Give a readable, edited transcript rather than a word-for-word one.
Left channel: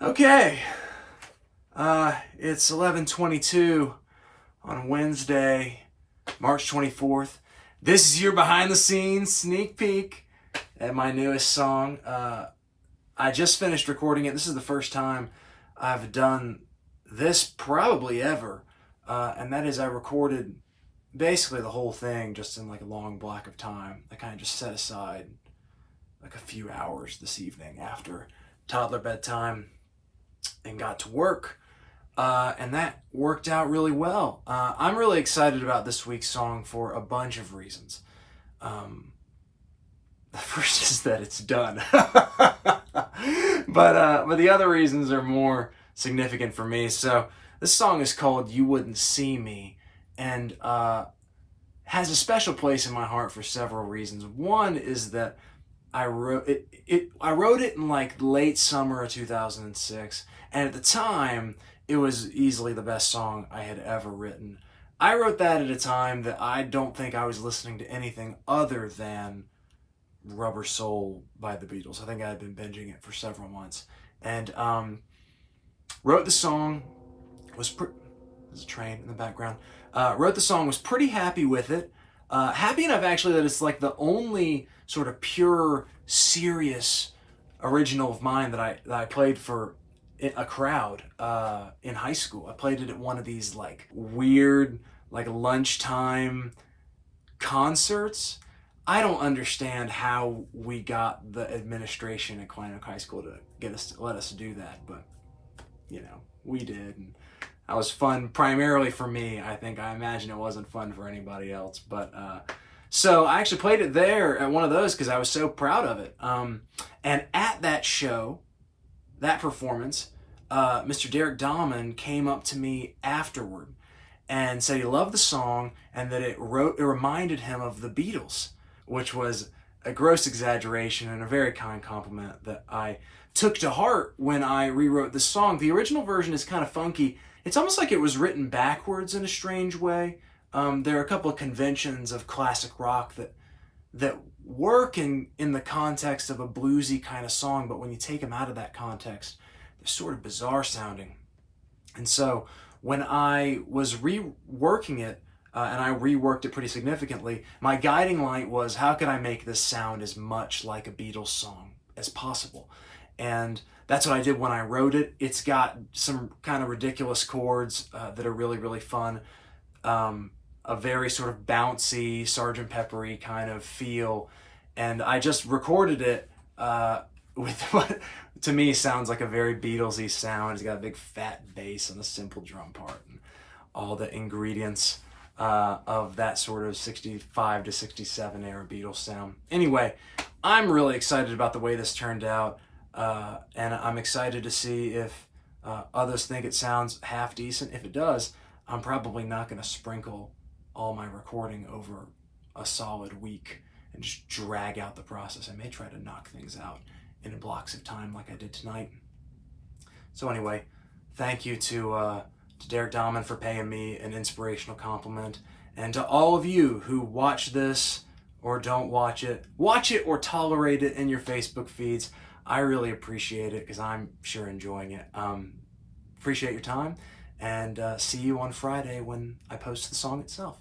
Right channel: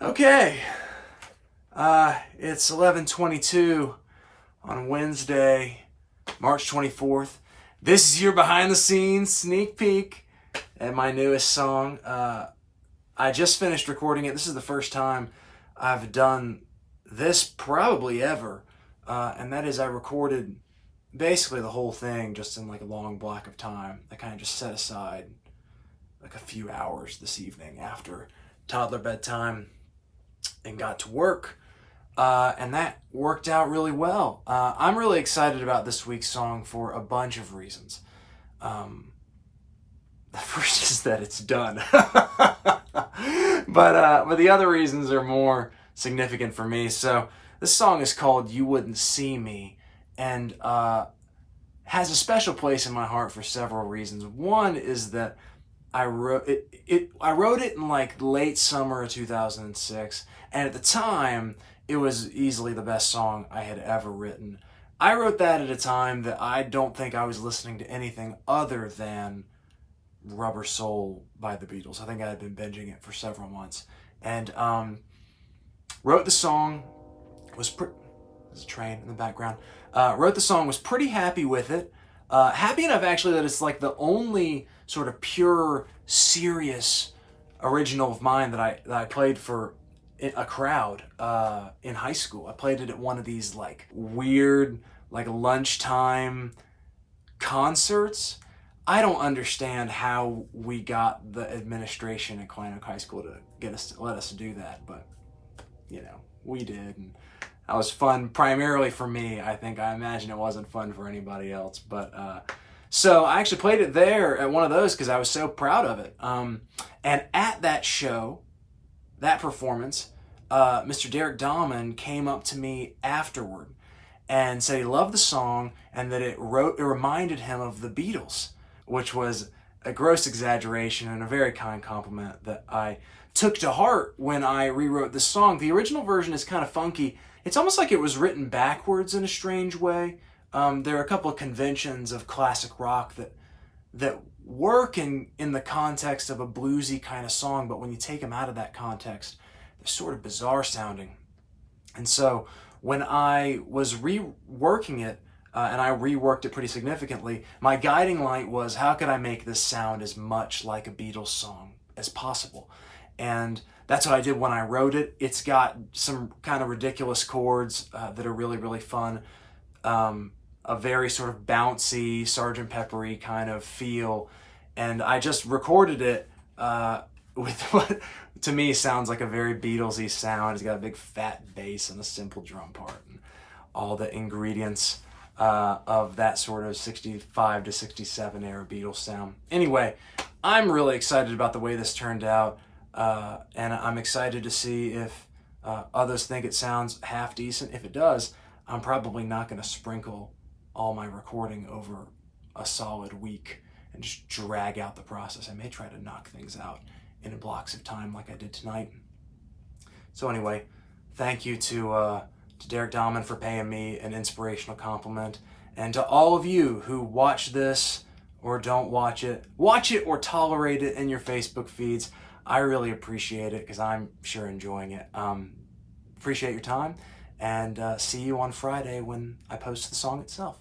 Okay, it's 11:22 on Wednesday, March 24th. This is your behind the scenes sneak peek at my newest song. I just finished recording it. This is the first time I've done this probably ever, and that is I recorded basically the whole thing just in like a long block of time. I kind of just set aside like a few hours this evening after toddler bedtime and got to work, and that worked out really well. I'm really excited about this week's song for a bunch of reasons. The first is that it's done, but the other reasons are more significant for me. So this song is called "You Wouldn't See Me," and has a special place in my heart for several reasons. One is that I wrote it. I wrote it in like late summer of 2006, and at the time, it was easily the best song I had ever written. I wrote that at a time that I don't think I was listening to anything other than Rubber Soul by the Beatles. I think I had been binging it for several months, and wrote the song. There's a train in the background. Wrote the song. Was pretty happy with it. Happy enough actually that it's like the only sort of pure, serious original of mine that I played for a crowd in high school. I played it at one of these like weird like lunchtime concerts. I don't understand how we got the administration at Klein Oak High School to let us do that, but you know, we did, and that was fun primarily for me. I imagine it wasn't fun for anybody else, but so I actually played it there at one of those because I was so proud of it. And at that show, that performance, Mr. Derek Dahman came up to me afterward and said he loved the song and that it reminded him of the Beatles, which was a gross exaggeration and a very kind compliment that I took to heart when I rewrote the song. The original version is kind of funky. It's almost like it was written backwards in a strange way. There are a couple of conventions of classic rock that work in the context of a bluesy kind of song, but when you take them out of that context, they're sort of bizarre sounding. And so when I was reworking it, and I reworked it pretty significantly, my guiding light was how could I make this sound as much like a Beatles song as possible? And that's what I did when I wrote it. It's got some kind of ridiculous chords that are really, really fun. A very sort of bouncy, Sgt. Peppery kind of feel. And I just recorded it with what to me sounds like a very Beatlesy sound. It's got a big fat bass and a simple drum part and all the ingredients of that sort of 65 to 67 era Beatles sound. Anyway, I'm really excited about the way this turned out. And I'm excited to see if others think it sounds half decent. If it does, I'm probably not going to sprinkle all my recording over a solid week and just drag out the process. I may try to knock things out in blocks of time like I did tonight. So anyway, thank you to Derek Dahman for paying me an inspirational compliment, and to all of you who watch this or don't watch it or tolerate it in your Facebook feeds. I really appreciate it because I'm sure enjoying it. Appreciate your time, and see you on Friday when I post the song itself.